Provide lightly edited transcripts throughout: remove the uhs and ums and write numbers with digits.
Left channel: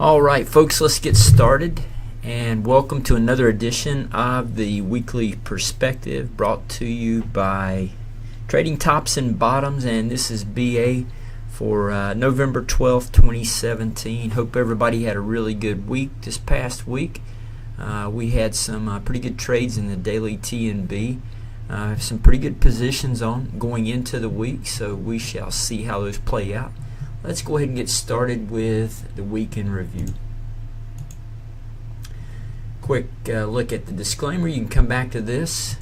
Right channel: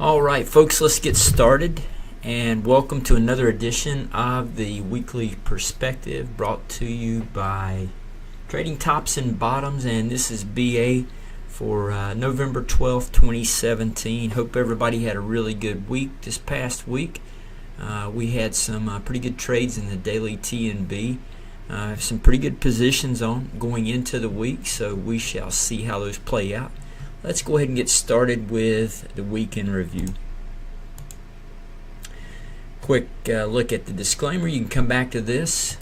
All right, folks, let's get started. And welcome to another edition of the Weekly Perspective brought to you by Trading Tops and Bottoms. And this is BA for November 12th, 2017. Hope everybody had a really good week this past week. We had some pretty good trades in the daily TNB. Some pretty good positions on going into the week, so we shall see how those play out. Let's go ahead and get started with the week in review. Quick look at the disclaimer. You can come back to this.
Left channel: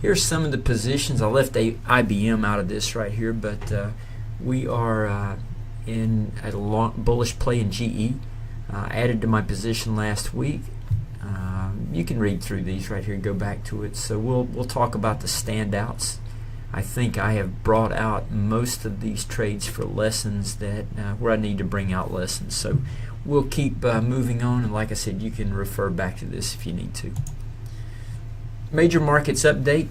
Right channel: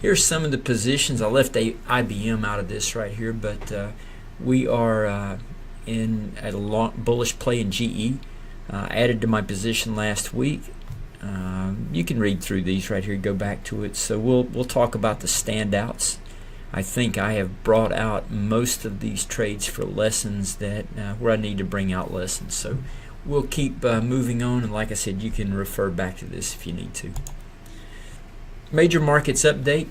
Here's some of the positions. I left IBM out of this right here, but we are in a long bullish play in GE. Added to my position last week. You can read through these right here, go back to it. So we'll talk about the standouts. I think I have brought out most of these trades for lessons that where I need to bring out lessons. So we'll keep moving on, and like I said, you can refer back to this if you need to. Major markets update.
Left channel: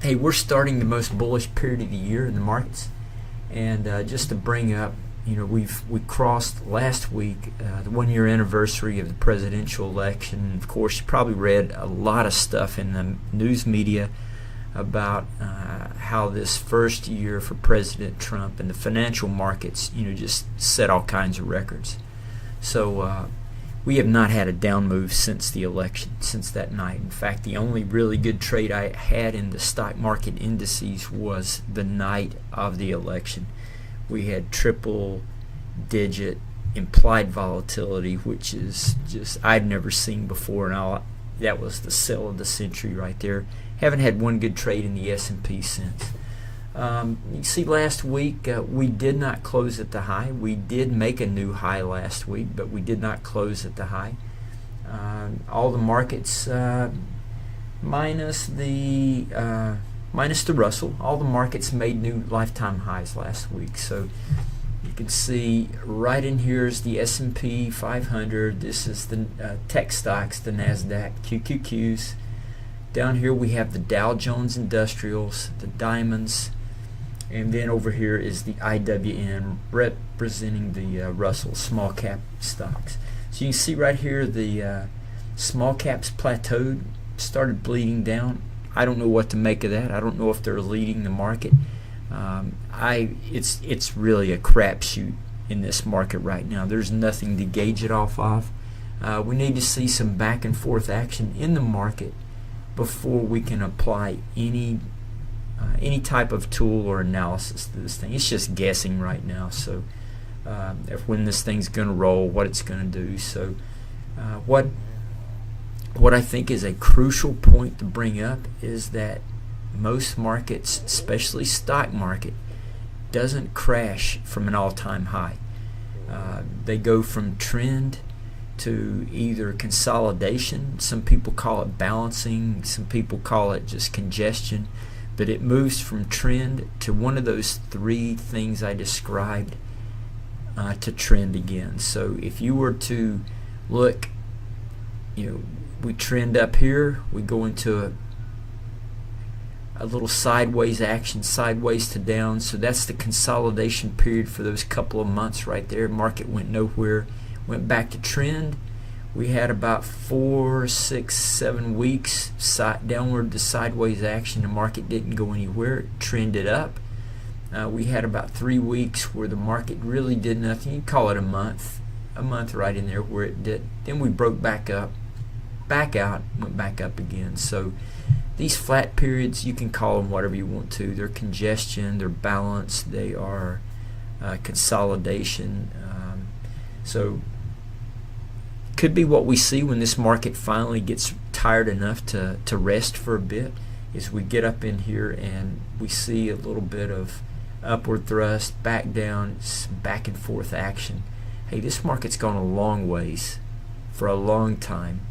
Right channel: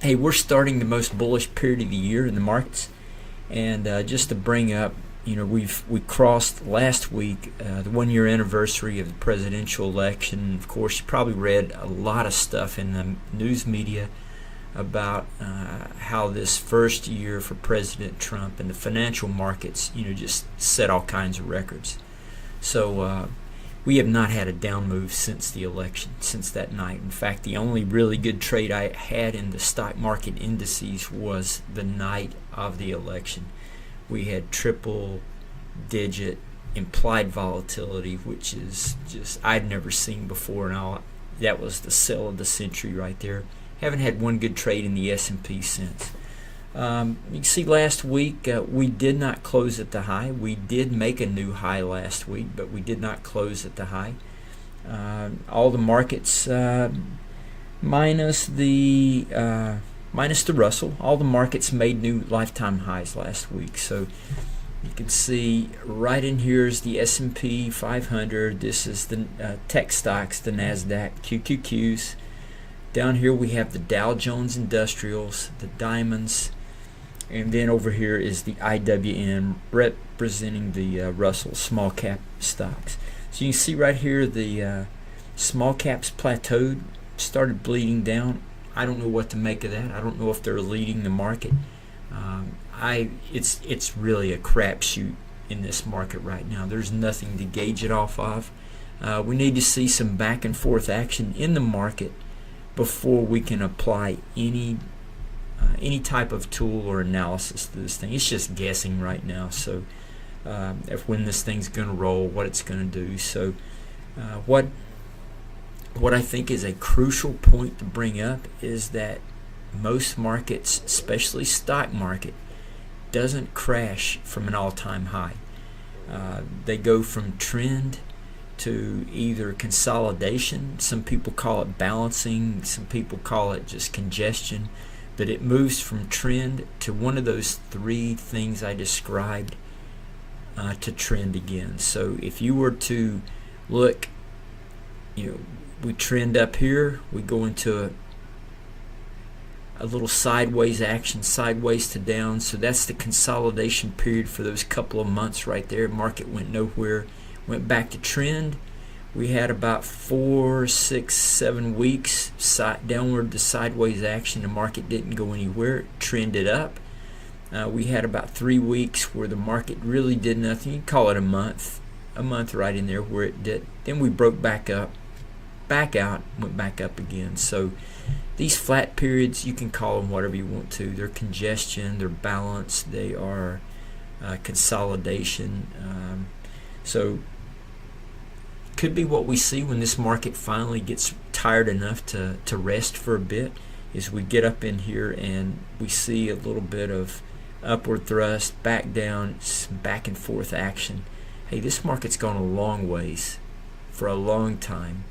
Hey, we're starting the most bullish period of the year in the markets, and just to bring up, we crossed last week the 1-year anniversary of the presidential election. Of course, you probably read a lot of stuff in the news media about how this first year for President Trump and the financial markets, just set all kinds of records. So we have not had a down move since the election, since that night. In fact, the only really good trade I had in the stock market indices was the night of the election. We had triple-digit implied volatility, which is just I've never seen before, and that was the sell of the century right there. Haven't had one good trade in the S&P since. You can see last week we did not close at the high. We did make a new high last week, but we did not close at the high. All the markets minus the Russell, all the markets made new lifetime highs last week. So you can see right in here is the S&P 500. This is the tech stocks, the NASDAQ, QQQs. Down here we have the Dow Jones Industrials, the Diamonds, and then over here is the IWM representing the Russell small cap stocks. So you can see right here the small caps plateaued, started bleeding down. I don't know what to make of that. I don't know if they're leading the market. It's really a crapshoot in this market right now. There's nothing to gauge it off of. We need to see some back and forth action in the market before we can apply any type of tool or analysis to this thing. It's just guessing right now. So when this thing's going to roll, what it's going to do. So what I think is a crucial point to bring up is that most markets, especially stock market, doesn't crash from an all-time high. They go from trend to either consolidation. Some people call it balancing. Some people call it just congestion. But it moves from trend to one of those three things I described to trend again. So if you were to look, we trend up here, we go into a little sideways action, sideways to down. So that's the consolidation period for those couple of months right there. Market went nowhere, went back to trend. We had about 4, 6, 7 weeks downward to sideways action. The market didn't go anywhere. It trended up. We had about 3 weeks where the market really did nothing. You call it a month right in there where it did. Then we broke back up, back out, went back up again. So these flat periods, you can call them whatever you want to. They're congestion, they're balance, they are consolidation. So could be what we see when this market finally gets tired enough to rest for a bit, is we get up in here and we see a little bit of upward thrust, back down, back and forth action. Hey, this market's gone a long ways for a long time.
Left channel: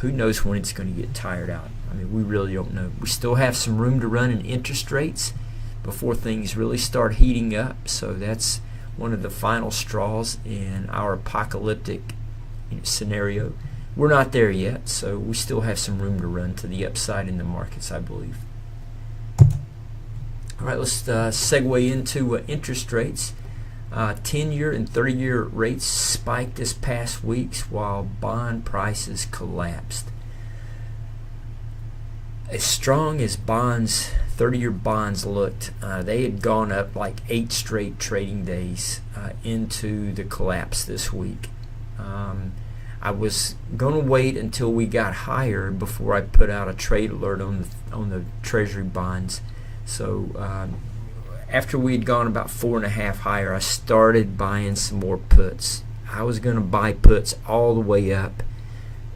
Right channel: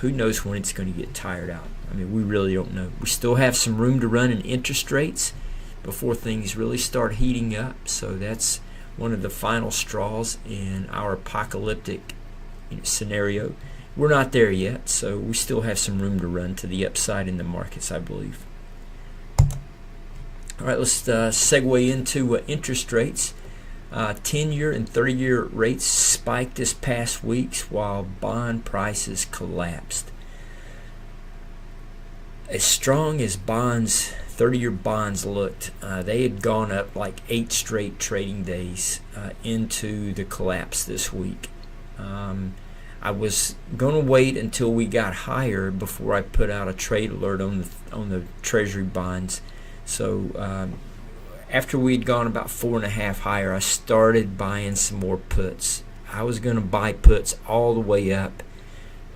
Who knows when it's going to get tired out? I mean, we really don't know. We still have some room to run in interest rates before things really start heating up. So that's one of the final straws in our apocalyptic scenario. We're not there yet, so we still have some room to run to the upside in the markets, I believe. All right, let's segue into interest rates. 10-year and 30-year rates spiked this past week while bond prices collapsed. As strong as bonds, 30-year bonds looked, they had gone up like 8 straight trading days into the collapse this week. I was going to wait until we got higher before I put out a trade alert on the Treasury bonds. So after we had gone about 4.5 higher, I started buying some more puts. I was going to buy puts all the way up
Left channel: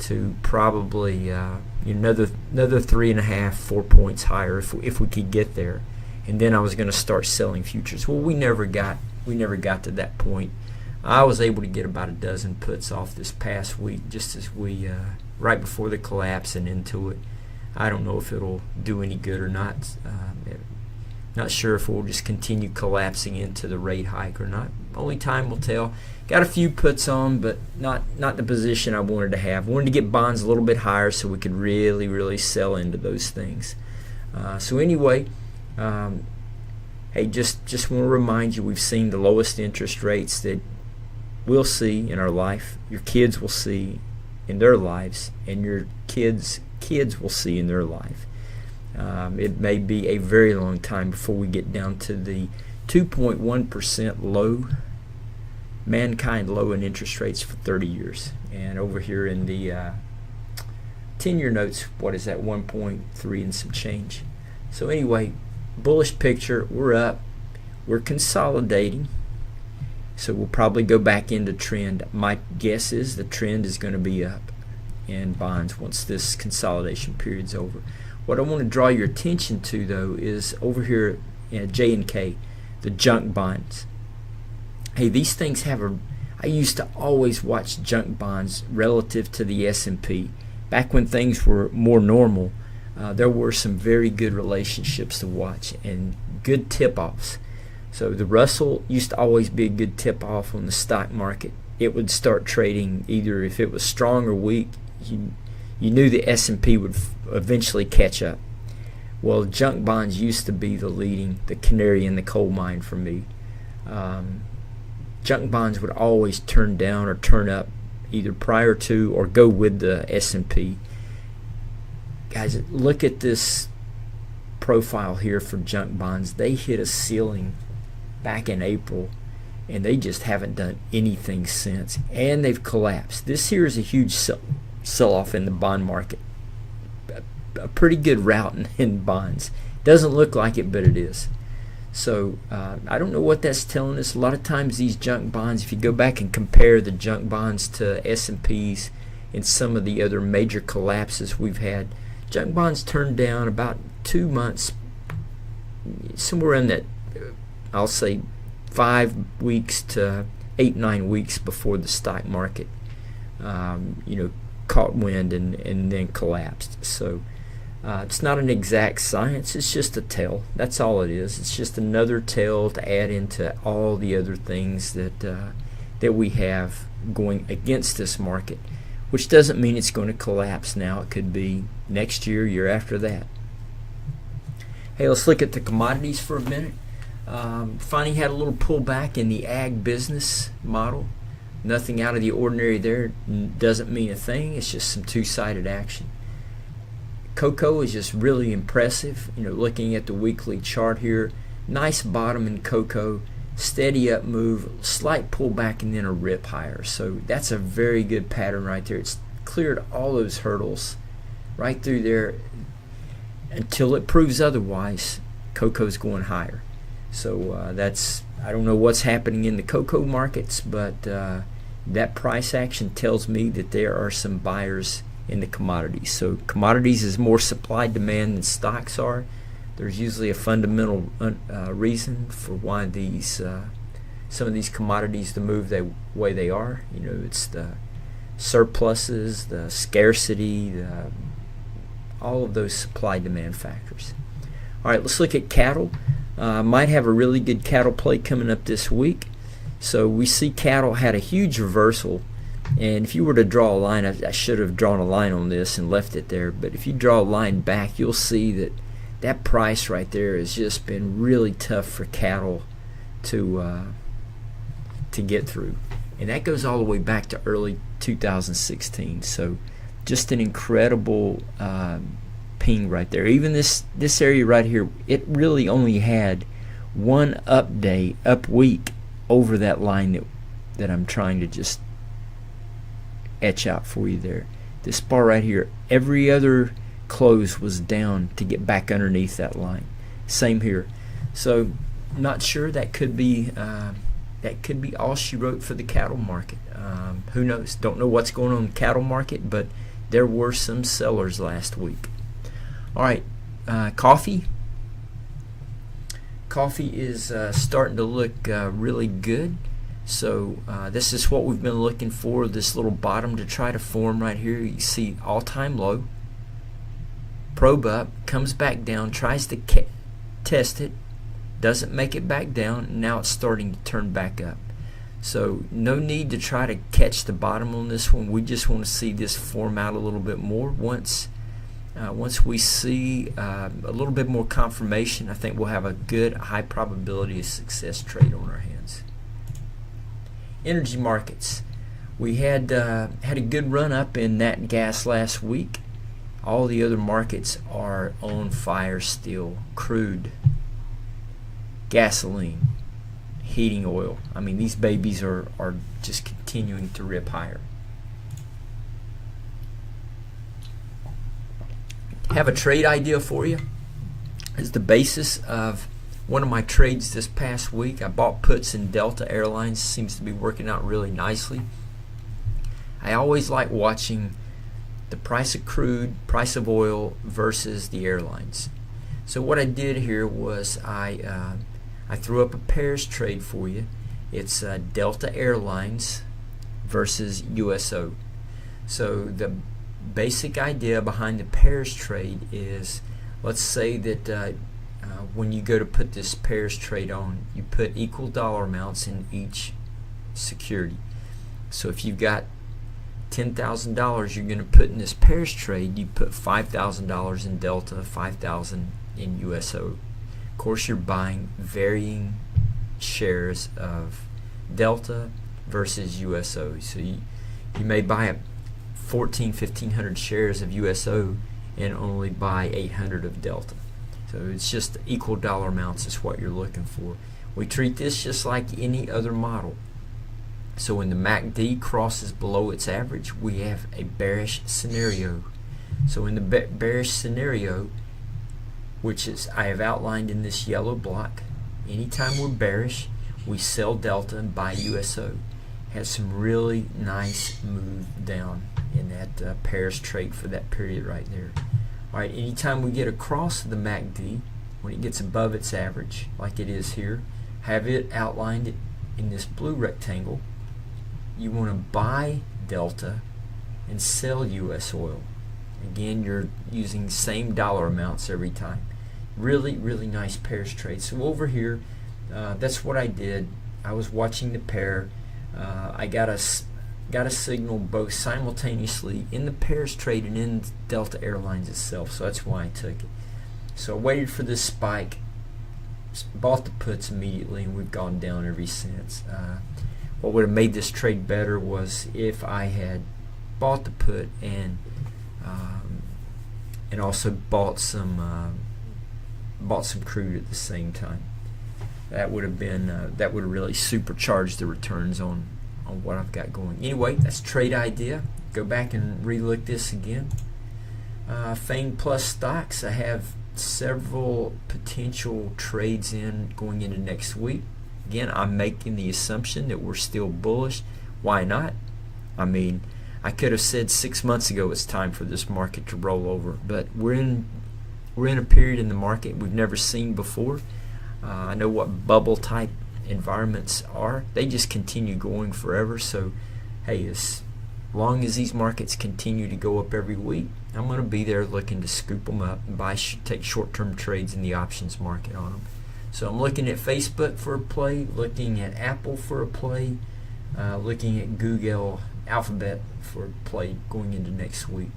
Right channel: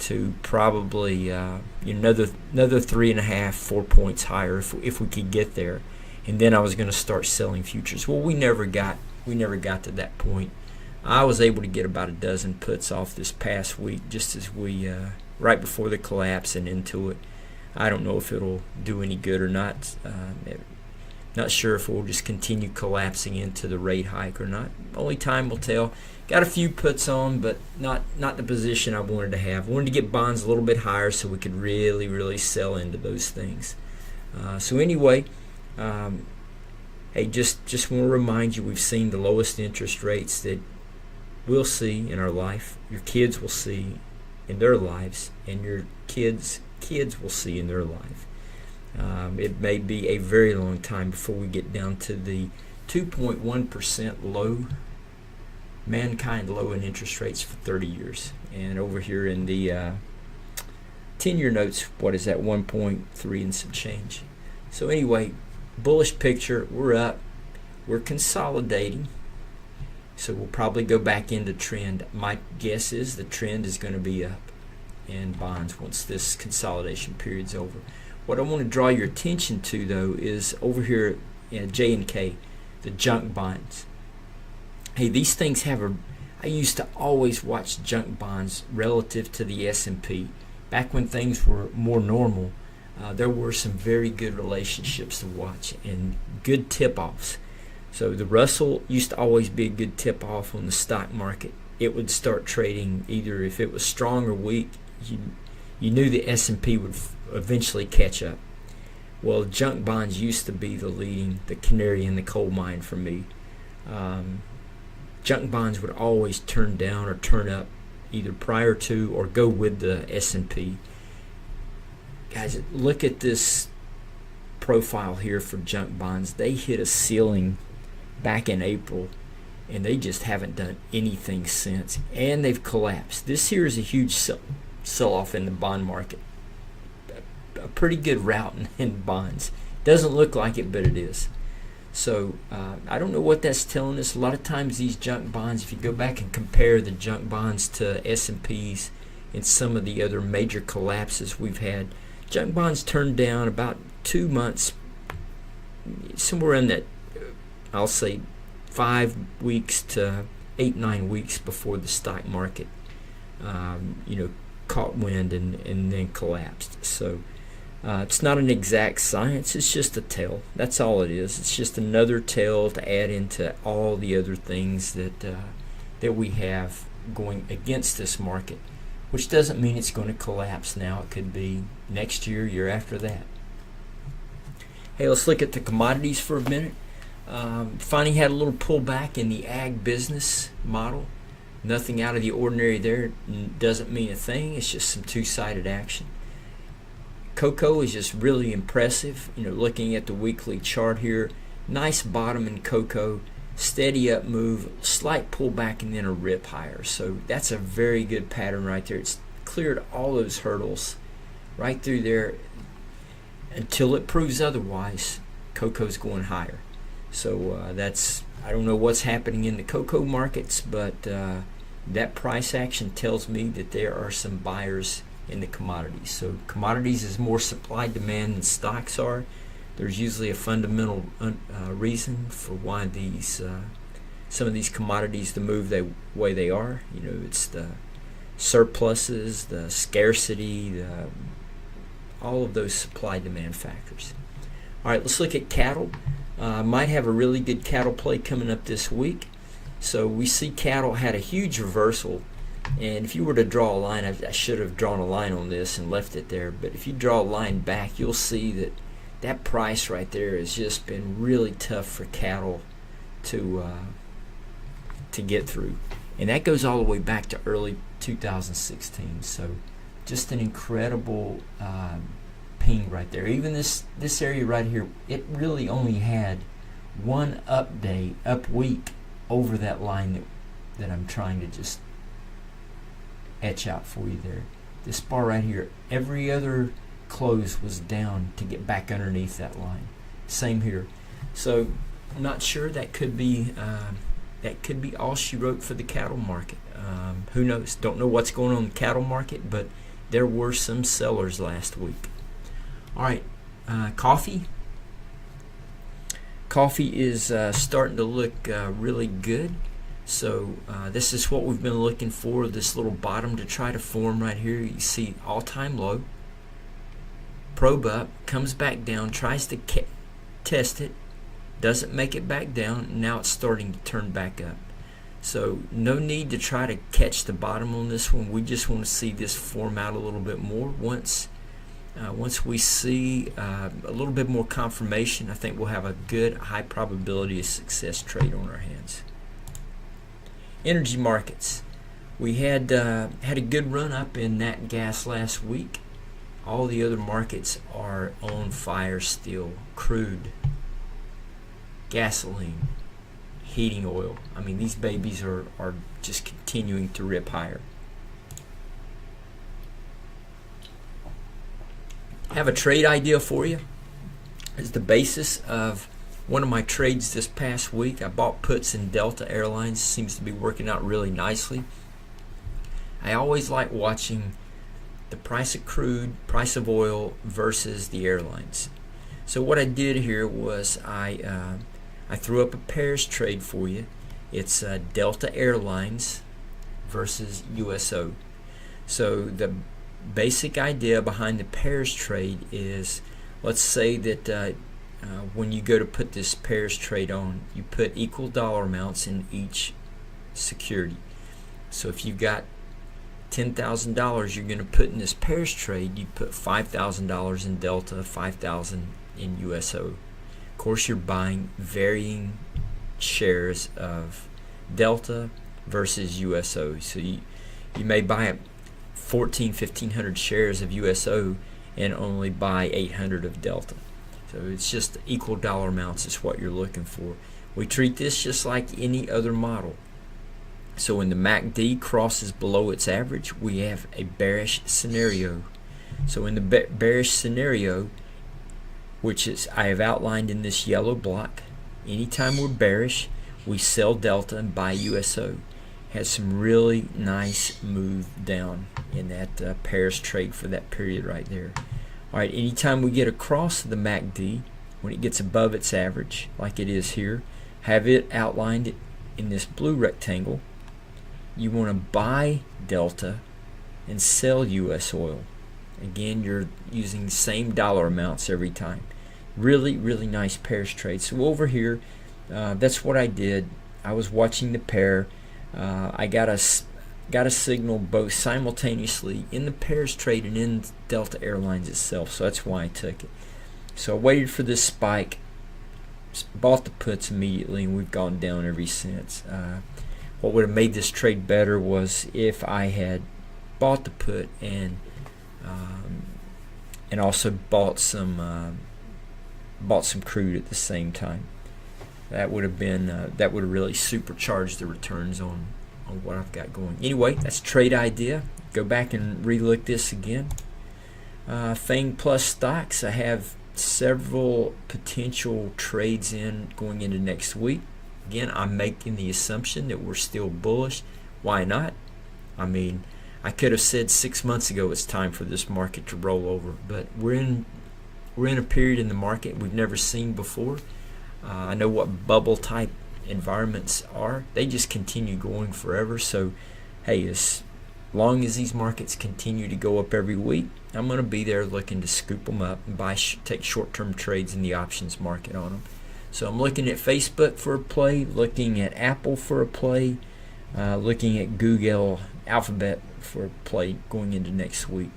to probably another 3.5, 4 points higher if we could get there, and then I was going to start selling futures. Well, we never got to that point. I was able to get about a dozen puts off this past week, just as we right before the collapse and into it. I don't know if it'll do any good or not. Not sure if we'll just continue collapsing into the rate hike or not. Only time will tell. Got a few puts on, but not the position I wanted to have. Wanted to get bonds a little bit higher so we could really sell into those things. So anyway, hey, just want to remind you, we've seen the lowest interest rates that we'll see in our life, your kids will see in their lives, and your kids' kids will see in their life. It may be a very long time before we get down to the 2.1% low, mankind low in interest rates for 30 years. And over here in the 10-year notes, what is that, 1.3 and some change. So anyway, bullish picture, we're up, we're consolidating. So we'll probably go back into trend. My guess is the trend is going to be up in bonds once this consolidation period's over. What I want to draw your attention to, though, is over here in J and K, the junk bonds. Hey, these things I used to always watch junk bonds relative to the S&P. Back when things were more normal, there were some very good relationships to watch and good tip-offs. So the Russell used to always be a good tip-off on the stock market. It would start trading either if it was strong or weak. You knew the S&P would eventually catch up. Well, junk bonds used to be the canary in the coal mine for me. Junk bonds would always turn down or turn up either prior to or go with the S&P. Guys, look at this profile here for junk bonds. They hit a ceiling back in April, and they just haven't done anything since, and they've collapsed. This here is a huge sell-off in the bond market. A pretty good rout in bonds. Doesn't look like it, but it is. So I don't know what that's telling us. A lot of times these junk bonds, if you go back and compare the junk bonds to S&Ps and some of the other major collapses we've had, junk bonds turned down about 2 months, somewhere in that, I'll say 5 weeks to 8-9 weeks before the stock market caught wind and then collapsed. So it's not an exact science, it's just a tell. That's all it is. It's just another tell to add into all the other things that we have going against this market, which doesn't mean it's going to collapse now. It could be next year after that. Hey, let's look at the commodities for a minute. Finally had a little pullback in the ag business model. Nothing out of the ordinary there. Doesn't mean a thing. It's just some two-sided action. Cocoa is just really impressive. Looking at the weekly chart here, nice bottom in cocoa, steady up move, slight pullback, and then a rip higher. So that's a very good pattern right there. It's cleared all those hurdles right through there. Until it proves otherwise, cocoa's going higher. So I don't know what's happening in the cocoa markets, but that price action tells me that there are some buyers in the commodities. So commodities is more supply demand than stocks are. There's usually a fundamental reason for why some of these commodities to move the way they are. It's the surpluses, the scarcity, all of those supply demand factors. All right, let's look at cattle. Might have a really good cattle play coming up this week. So we see cattle had a huge reversal, and if you were to draw a line, I should have drawn a line on this and left it there, but if you draw a line back, you'll see that price right there has just been really tough for cattle to to get through. And that goes all the way back to early 2016. So just an incredible ping right there. Even this area right here, it really only had one up week over that line that I'm trying to just etch out for you there. This bar right here, every other close was down to get back underneath that line. Same here. So not sure, that could be all she wrote for the cattle market. Who knows? Don't know what's going on in the cattle market, but there were some sellers last week. All right, coffee. Coffee is starting to look really good. So this is what we've been looking for, this little bottom to try to form right here. You see all-time low, probe up, comes back down, tries to test it, doesn't make it back down, and now it's starting to turn back up. So no need to try to catch the bottom on this one. We just want to see this form out a little bit more. Once we see a little bit more confirmation, I think we'll have a good high probability of success trade on our hands. Energy markets. We had a good run up in nat gas last week. All the other markets are on fire still. Crude, gasoline, heating oil. I mean, these babies are just continuing to rip higher. Have a trade idea for you. As the basis of one of my trades this past week, I bought puts in Delta Airlines. Seems to be working out really nicely. I always like watching the price of crude, price of oil versus the airlines. So what I did here was I threw up a pairs trade for you. It's Delta Airlines versus USO. So the basic idea behind the pairs trade is, let's say that when you go to put this pairs trade on, you put equal dollar amounts in each security. So if you've got $10,000 you're going to put in this pairs trade, you put $5,000 in Delta, $5,000 in USO. Of course, you're buying varying shares of Delta versus USO. So you may buy 1,500 shares of USO and only buy 800 of Delta. So it's just equal dollar amounts is what you're looking for. We treat this just like any other model. So when the MACD crosses below its average, we have a bearish scenario. So in the bearish scenario, which is I have outlined in this yellow block, anytime we're bearish, we sell Delta and buy USO. Has some really nice move down in that pairs trade for that period right there. All right, anytime we get across the MACD, when it gets above its average, like it is here, have it outlined in this blue rectangle. You want to buy Delta and sell US oil. Again, you're using the same dollar amounts every time. Really, really nice pairs trade. So over here, that's what I did. I was watching the pair. I got a signal both simultaneously in the pairs trade and in Delta Airlines itself. So that's why I took it. So I waited for this spike, bought the puts immediately, and we've gone down ever since. What would have made this trade better was if I had bought the put and also bought some crude at the same time. That would have been that would have really supercharged the returns on what I've got going. Anyway, that's a trade idea. Go back and relook this again. FANG Plus stocks. I have several potential trades in going into next week. Again, I'm making the assumption that we're still bullish. Why not? I mean, I could have said 6 months ago it's time for this market to roll over, but we're in a period in the market we've never seen before. I know what bubble type environments are. They just continue going forever. So, hey, as long as these markets continue to go up every week, I'm going to be there looking to scoop them up and take short-term trades in the options market on them. So I'm looking at Facebook for a play, looking at Apple for a play, looking at Google Alphabet for a play going into next week.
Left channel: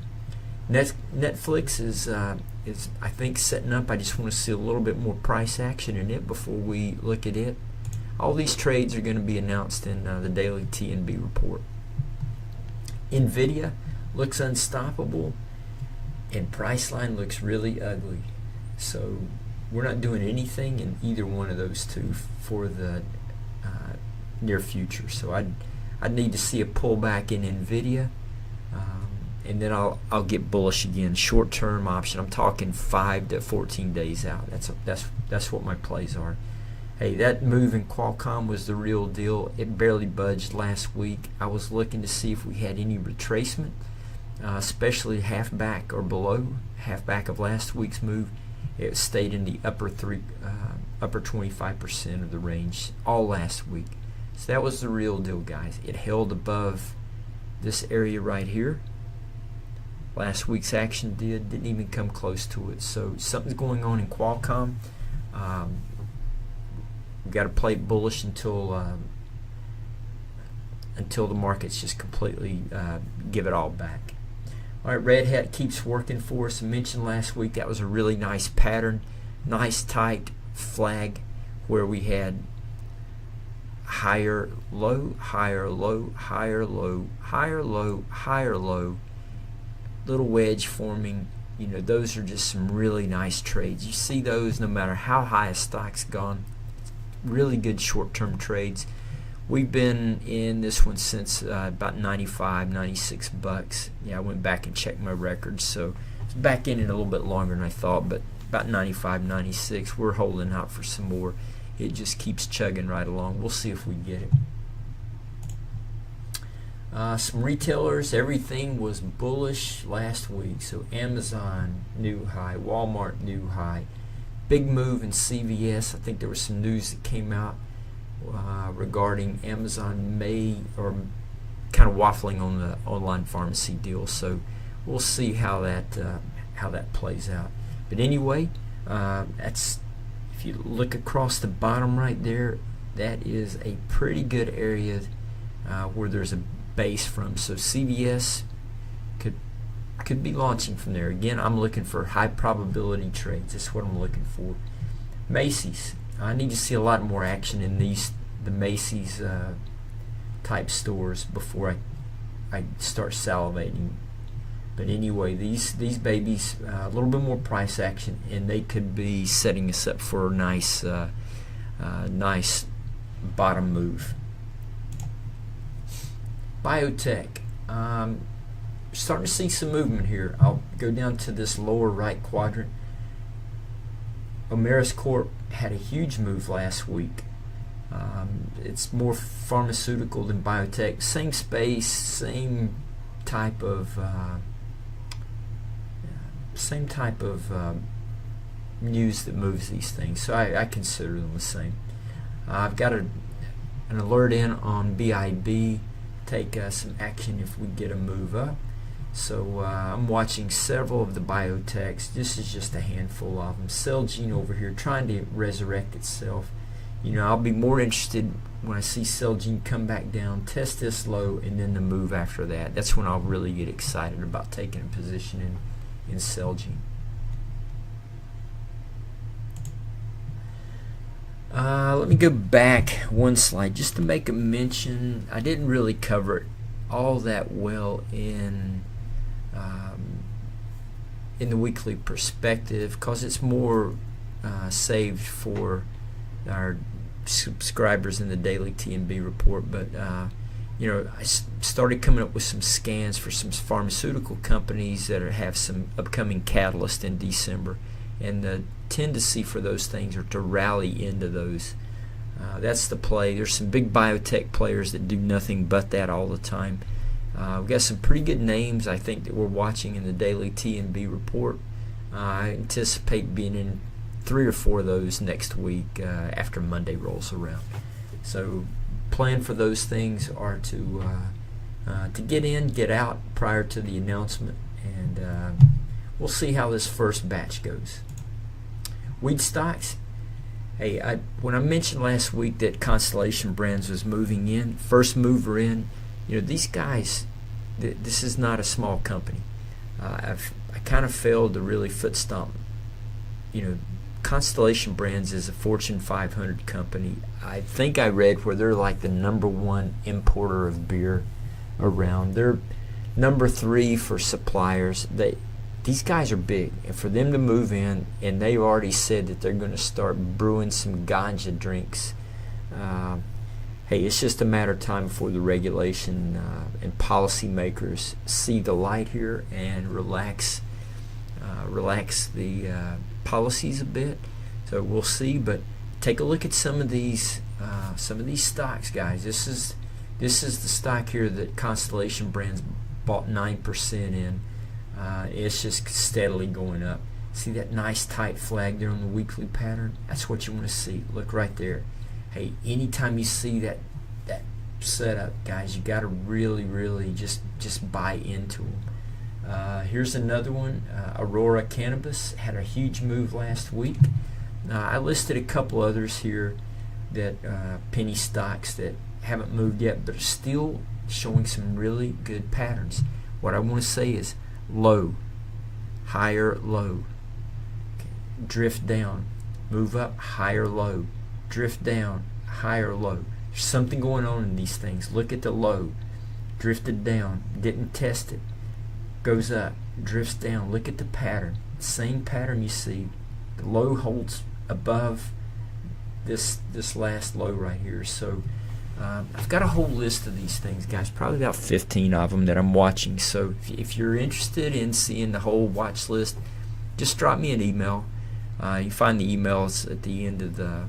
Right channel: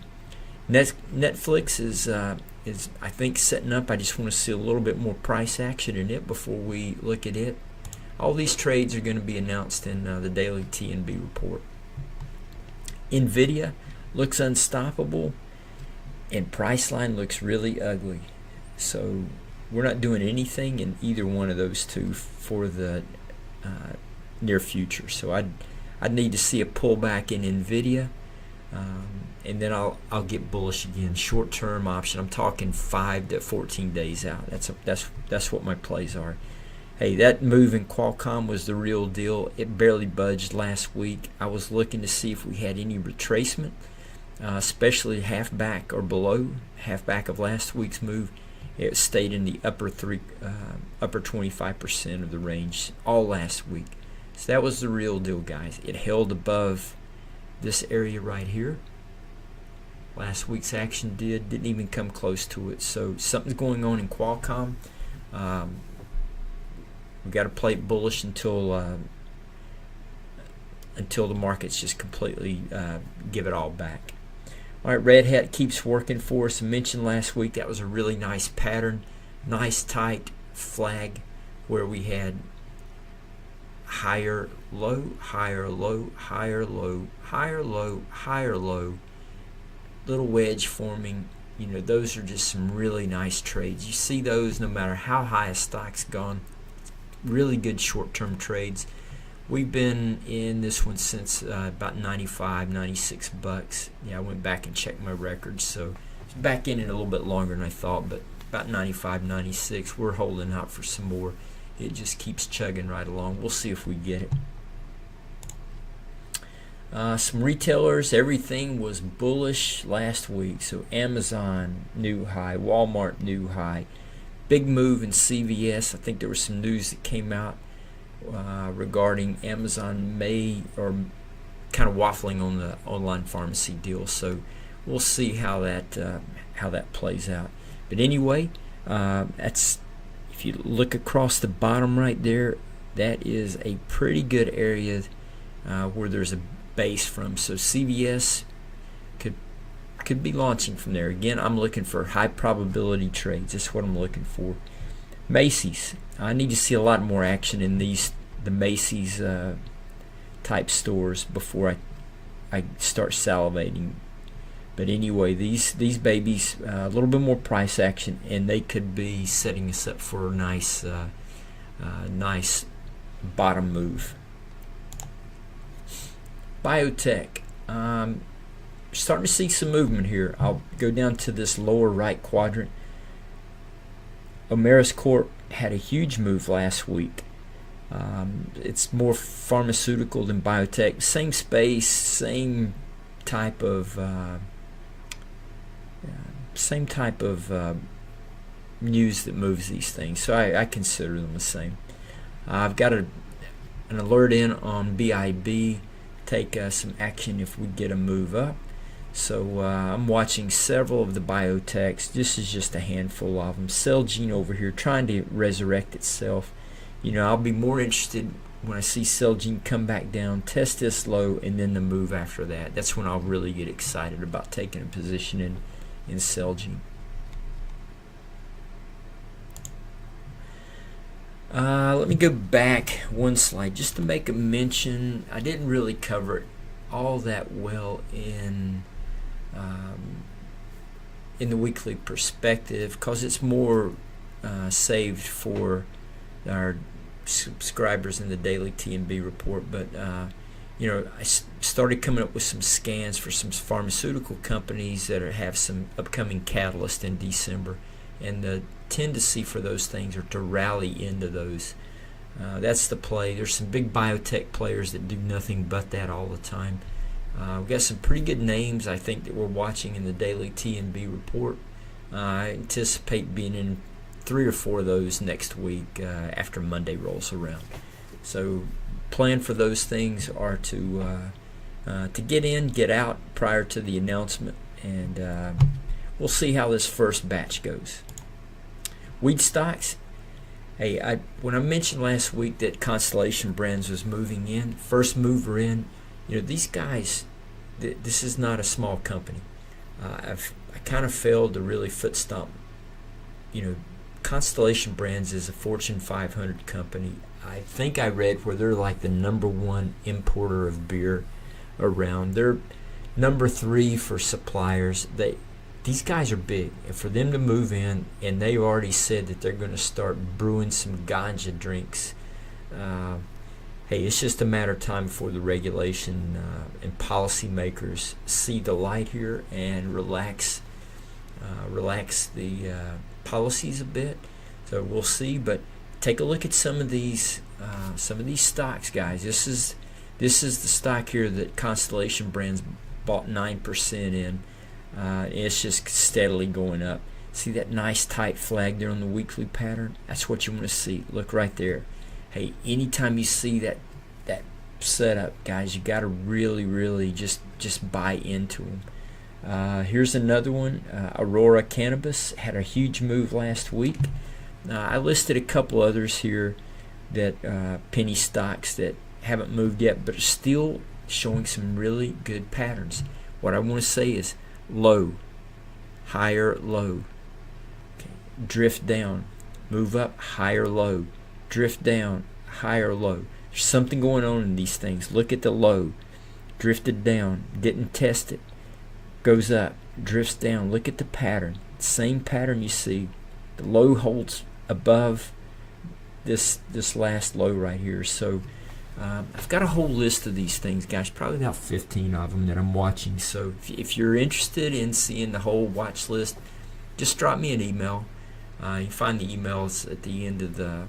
Netflix is I think setting up. I just want to see a little bit more price action in it before we look at it. All these trades are going to be announced in the daily TNB report. NVIDIA looks unstoppable, and Priceline looks really ugly. So we're not doing anything in either one of those two for the near future. So I'd need to see a pullback in NVIDIA, and then I'll get bullish again. Short-term option. I'm talking 5 to 14 days out. That's what my plays are. Hey, that move in Qualcomm was the real deal. It barely budged last week. I was looking to see if we had any retracement, especially halfback or below halfback of last week's move. It stayed in the upper 25% of the range all last week. So that was the real deal, guys. It held above this area right here. Last week's action didn't even come close to it. So something's going on in Qualcomm. We've got to play it bullish until the markets just completely give it all back. All right, Red Hat keeps working for us. I mentioned last week that was a really nice pattern, nice tight flag where we had higher low, higher low, higher low, higher low, higher low, little wedge forming. You know, those are just some really nice trades. You see those no matter how high a stock's gone. Really good short-term trades. We've been in this one since about 95, 96 bucks. Yeah, I went back and checked my records, so it's back in it a little bit longer than I thought, but about 95, 96. We're holding out for some more. It just keeps chugging right along. We'll see if we get it. Some retailers, everything was bullish last week. So Amazon, new high. Walmart, new high. Big move in CVS. I think there was some news that came out regarding Amazon or kind of waffling on the online pharmacy deal. So we'll see how that plays out. But anyway, that's, if you look across the bottom right there, that is a pretty good area where there's a base from. So CVS could be launching from there. Again, I'm looking for high probability trades. That's what I'm looking for. Macy's. I need to see a lot more action in the Macy's type stores before I start salivating. But anyway, these babies, a little bit more price action, and they could be setting us up for a nice bottom move. Biotech. Starting to see some movement here. I'll go down to this lower right quadrant. Omeris Corp had a huge move last week. It's more pharmaceutical than biotech. Same space, same type of news that moves these things. So I consider them the same. I've got an alert in on BIB. Take some action if we get a move up. So I'm watching several of the biotechs. This is just a handful of them. Celgene over here trying to resurrect itself. You know, I'll be more interested when I see Celgene come back down, test this low, and then the move after that. That's when I'll really get excited about taking a position in Celgene. Let me go back one slide just to make a mention. I didn't really cover it all that well in the weekly perspective because it's more saved for our subscribers in the daily TNB report. But you know, I started coming up with some scans for some pharmaceutical companies that have some upcoming catalyst in December, and the tendency for those things are to rally into those. That's the play. There's some big biotech players that do nothing but that all the time. We've got some pretty good names, I think, that we're watching in the daily TNB report. I anticipate being in 3 or 4 of those next week after Monday rolls around. So plan for those things are to get in, get out prior to the announcement, and we'll see how this first batch goes. Wheat stocks. Hey, when I mentioned last week that Constellation Brands was moving in, first mover in, you know, these guys, this is not a small company. I kind of failed to really foot stomp, you know, Constellation Brands is a Fortune 500 company. I think I read where they're like the #1 importer of beer around. They're #3 for suppliers. These guys are big, and for them to move in, and they already said that they're going to start brewing some ganja drinks. Hey, it's just a matter of time before the regulation and policymakers see the light here and relax the policies a bit. So we'll see. But take a look at some of these stocks, guys. This is the stock here that Constellation Brands bought 9% in. It's just steadily going up. See that nice tight flag there on the weekly pattern? That's what you want to see. Look right there. Hey, anytime you see that setup, guys, you got to really just buy into them. Here's another one. Aurora Cannabis had a huge move last week. I listed a couple others here that penny stocks that haven't moved yet, but are still showing some really good patterns. What I want to say is low, higher, low. Okay. Drift down, move up, higher, low. Drift down, higher, low. There's something going on in these things. Look at the low. Drifted down, didn't test it. Goes up, drifts down. Look at the pattern. Same pattern you see. The low holds above this last low right here. So I've got a whole list of these things, guys, probably about 15 of them that I'm watching. So if you're interested in seeing the whole watch list, just drop me an email. You find the emails at the end of the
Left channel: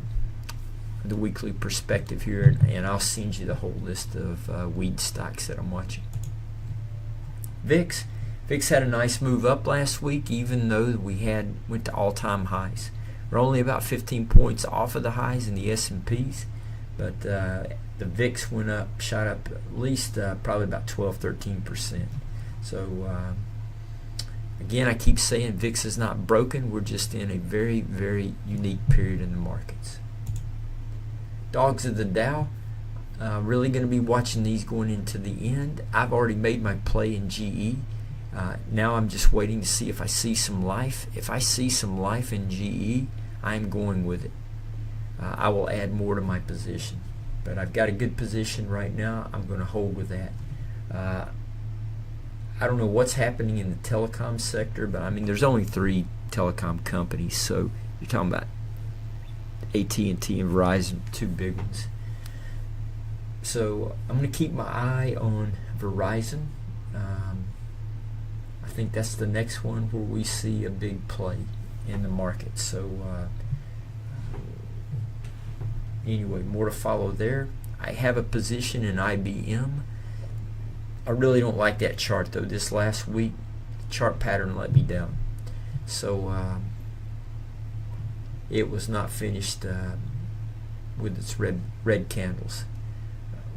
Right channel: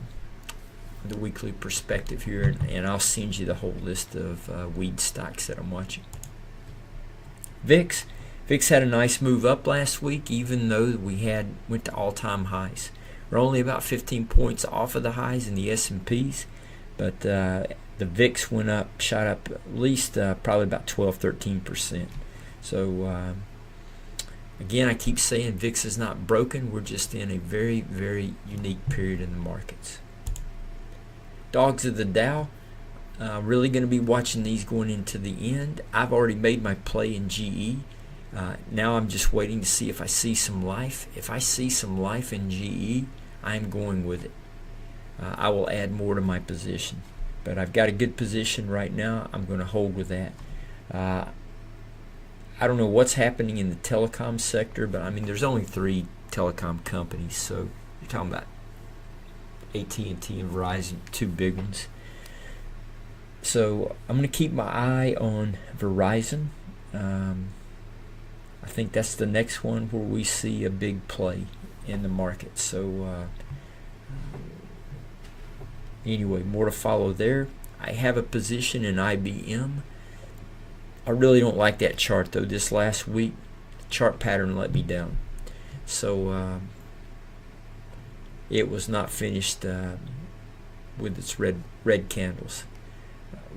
weekly perspective here, and I'll send you the whole list of weed stocks that I'm watching. VIX had a nice move up last week, even though we went to all-time highs. We're only about 15 points off of the highs in the S&Ps, but the VIX shot up at least probably about 12-13%. So again, I keep saying VIX is not broken. We're just in a very, very unique period in the markets. Dogs of the Dow, really going to be watching these going into the end. I've already made my play in GE. Now I'm just waiting to see if I see some life. If I see some life in GE, I'm going with it. I will add more to my position. But I've got a good position right now. I'm going to hold with that. I don't know what's happening in the telecom sector, but I mean, there's only 3 telecom companies, so you're talking about AT&T and Verizon, 2 big ones. So I'm going to keep my eye on Verizon. I think that's the next one where we see a big play in the market. So anyway, more to follow there. I have a position in IBM. I really don't like that chart, though. This last week, chart pattern let me down. So it was not finished with its red candles.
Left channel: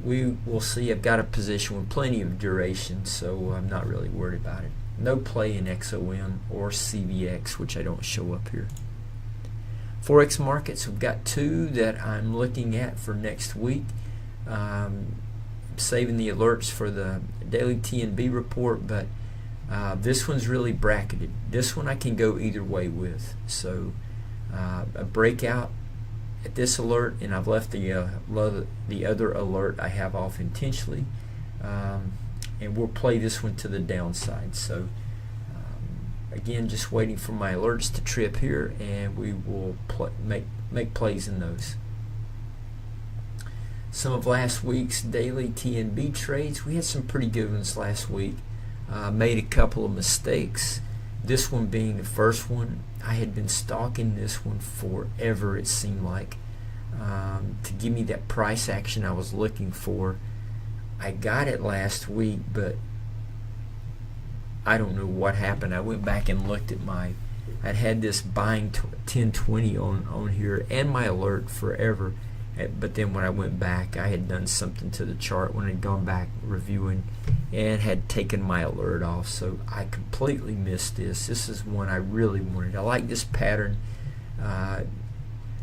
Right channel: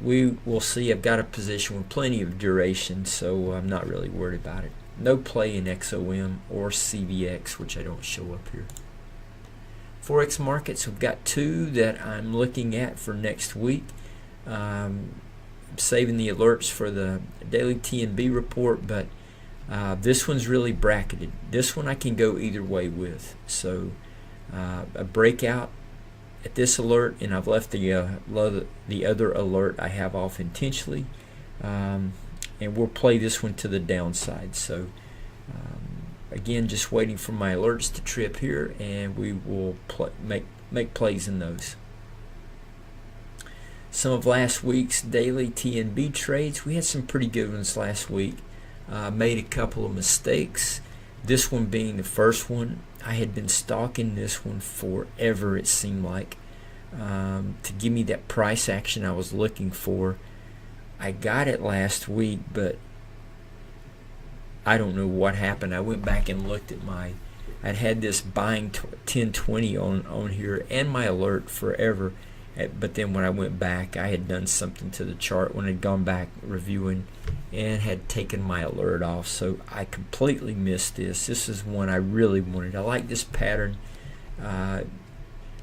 We will see. I've got a position with plenty of duration, so I'm not really worried about it. No play in XOM or CVX, which I don't show up here. Forex markets, we've got 2 that I'm looking at for next week. Saving the alerts for the daily TNB report, but this one's really bracketed. This one I can go either way with. So a breakout at this alert, and I've left the other alert I have off intentionally, and we'll play this one to the downside. So again, just waiting for my alerts to trip here, and we will make plays in those. Some of last week's daily TNB trades, we had some pretty good ones last week. Made a couple of mistakes. This one being the first one. I had been stalking this one forever, it seemed like, to give me that price action I was looking for. I got it last week, but I don't know what happened. I went back and looked at I'd had this buying 1020 on here and my alert forever. But then when I went back, I had done something to the chart when I'd gone back reviewing and had taken my alert off. So I completely missed this. This is one I really wanted. I like this pattern.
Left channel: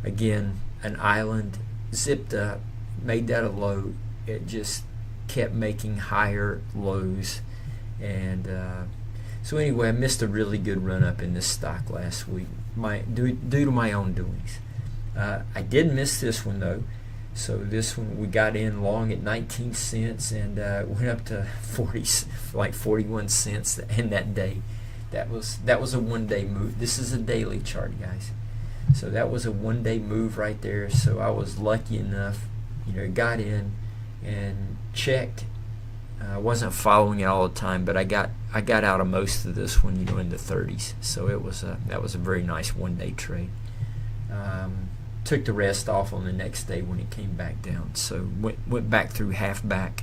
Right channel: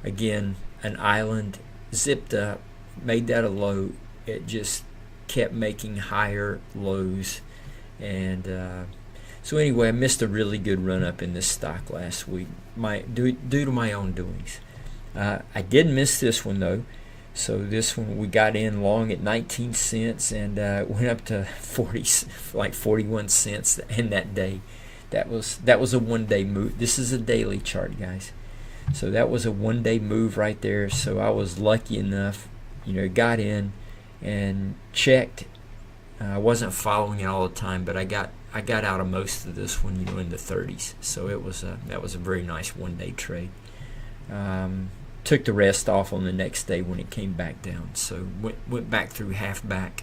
Again, an island zipped up, made that a low. It just kept making higher lows. And So anyway, I missed a really good run up in this stock last week, due to my own doings. I did miss this one though. So this one we got in long at 19 cents and went up to 41 cents in that day. That was a one-day move. This is a daily chart, guys. So that was a one-day move right there. So I was lucky enough, got in and checked. I wasn't following it all the time, but I got out of most of this one, in the 30s. So that was a very nice one-day trade. Took the rest off on the next day when it came back down. So went back through half back,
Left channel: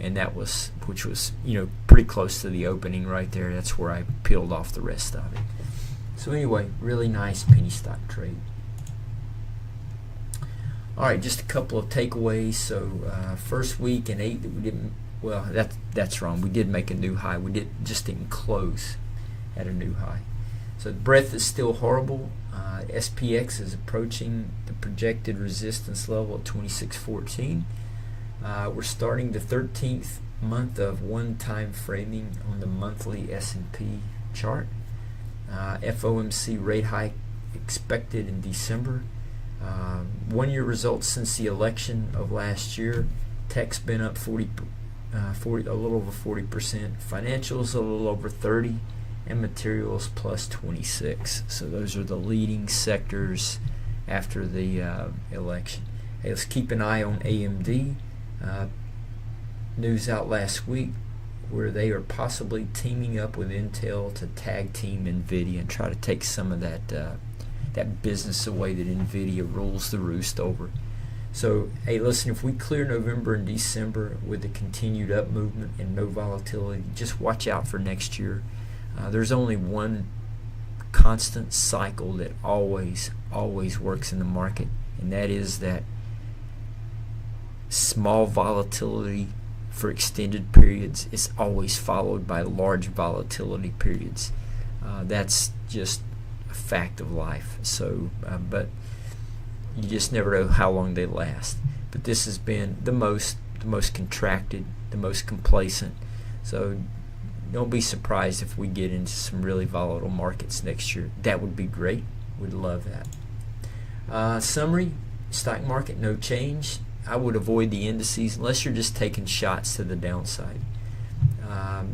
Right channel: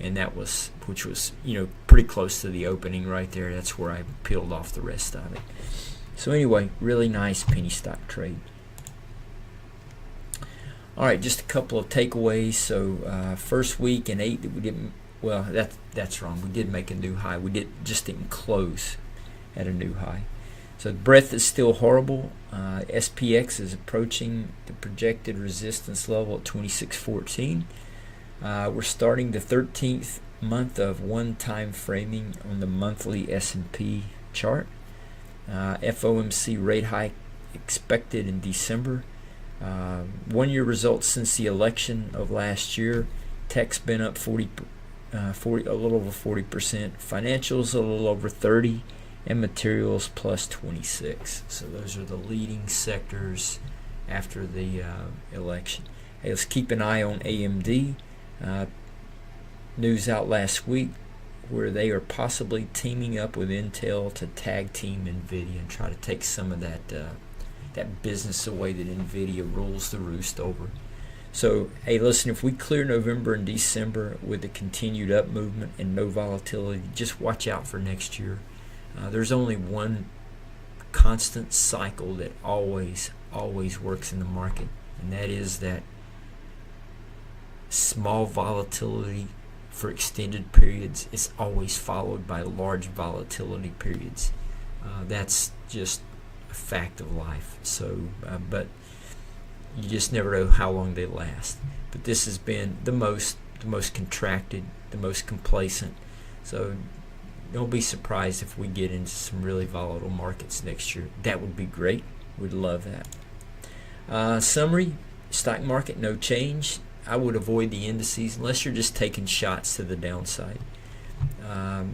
and which was pretty close to the opening right there. That's where I peeled off the rest of it. So anyway, really nice penny stock trade. All right, just a couple of takeaways. So first week in 8 that we didn't. Well, that's wrong. We did make a new high. We didn't close at a new high. So the breadth is still horrible. SPX is approaching the projected resistance level at 2614. We're starting the 13th month of one-time framing on the monthly S&P chart. FOMC rate hike expected in December. 1 year results since the election of last year. Tech's been up 40, a little over 40%. Financials a little over 30%. And materials plus 26. So those are the leading sectors after the election. Hey, let's keep an eye on AMD. News out last week where they are possibly teaming up with Intel to tag team NVIDIA and try to take some of that business away that NVIDIA rules the roost over. So, hey, listen, if we clear November and December with the continued up movement and no volatility, just watch out for next year. There's only one constant cycle that always works in the market, and that is that small volatility for extended periods is always followed by large volatility periods. That's just a fact of life. So, but you just never know how long they last. But this has been the most contracted, the most complacent. So don't be surprised if we get into some really volatile markets next year. That would be great. We'd love that. Summary, stock market, no change. I would avoid the indices unless you're just taking shots to the downside.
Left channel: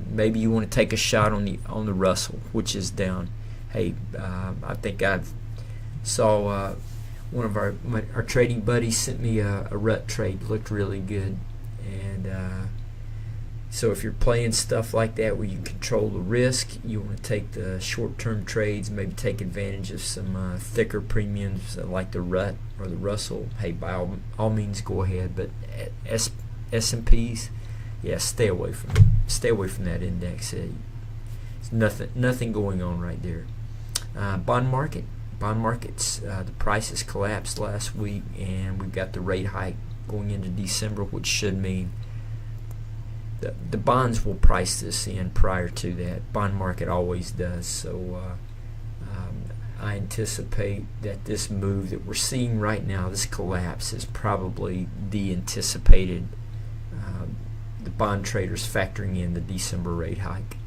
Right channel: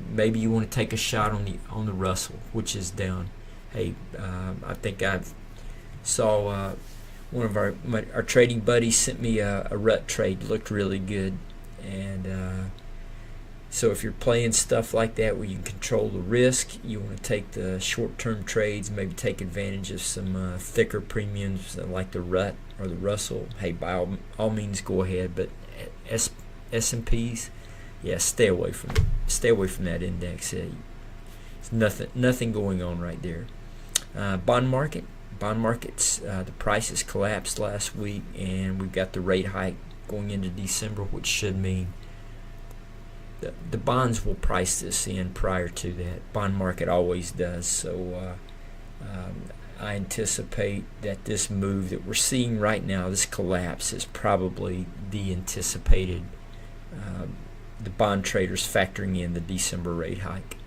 Maybe you want to take a shot on the Russell, which is down. Hey, I think I saw one of our trading buddies sent me a rut trade. Looked really good, and so if you're playing stuff like that where you can control the risk, you want to take the short-term trades, maybe take advantage of some thicker premiums like the rut or the Russell. Hey, by all means, go ahead. But S&Ps, yeah, stay away from that index. It's nothing going on right there. Bond markets, the prices collapsed last week, and we've got the rate hike going into December, which should mean the bonds will price this in prior to that. Bond market always does. So I anticipate that this move that we're seeing right now, this collapse, is probably the anticipated, the bond traders factoring in the December rate hike.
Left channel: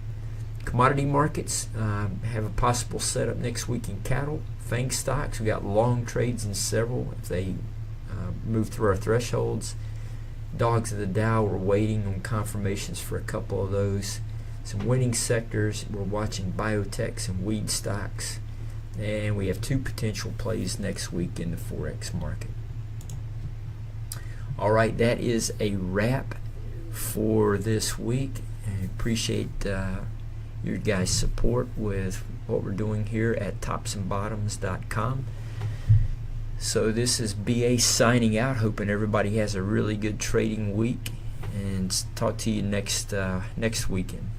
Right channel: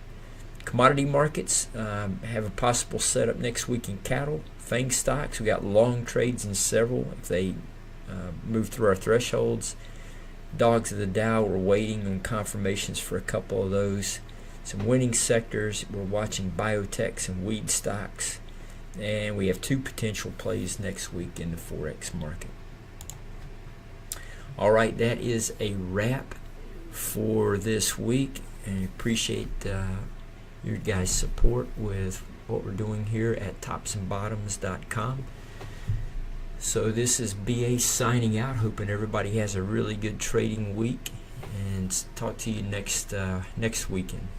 Commodity markets have a possible setup next week in cattle. FANG stocks, we got long trades in several if they move through our thresholds. Dogs of the Dow, we're waiting on confirmations for a couple of those. Some winning sectors, we're watching biotech and weed stocks. And we have 2 potential plays next week in the Forex market. All right, that is a wrap for this week. And I appreciate your guys' support with what we're doing here at topsandbottoms.com. So this is BA signing out, hoping everybody has a really good trading week, and talk to you next weekend.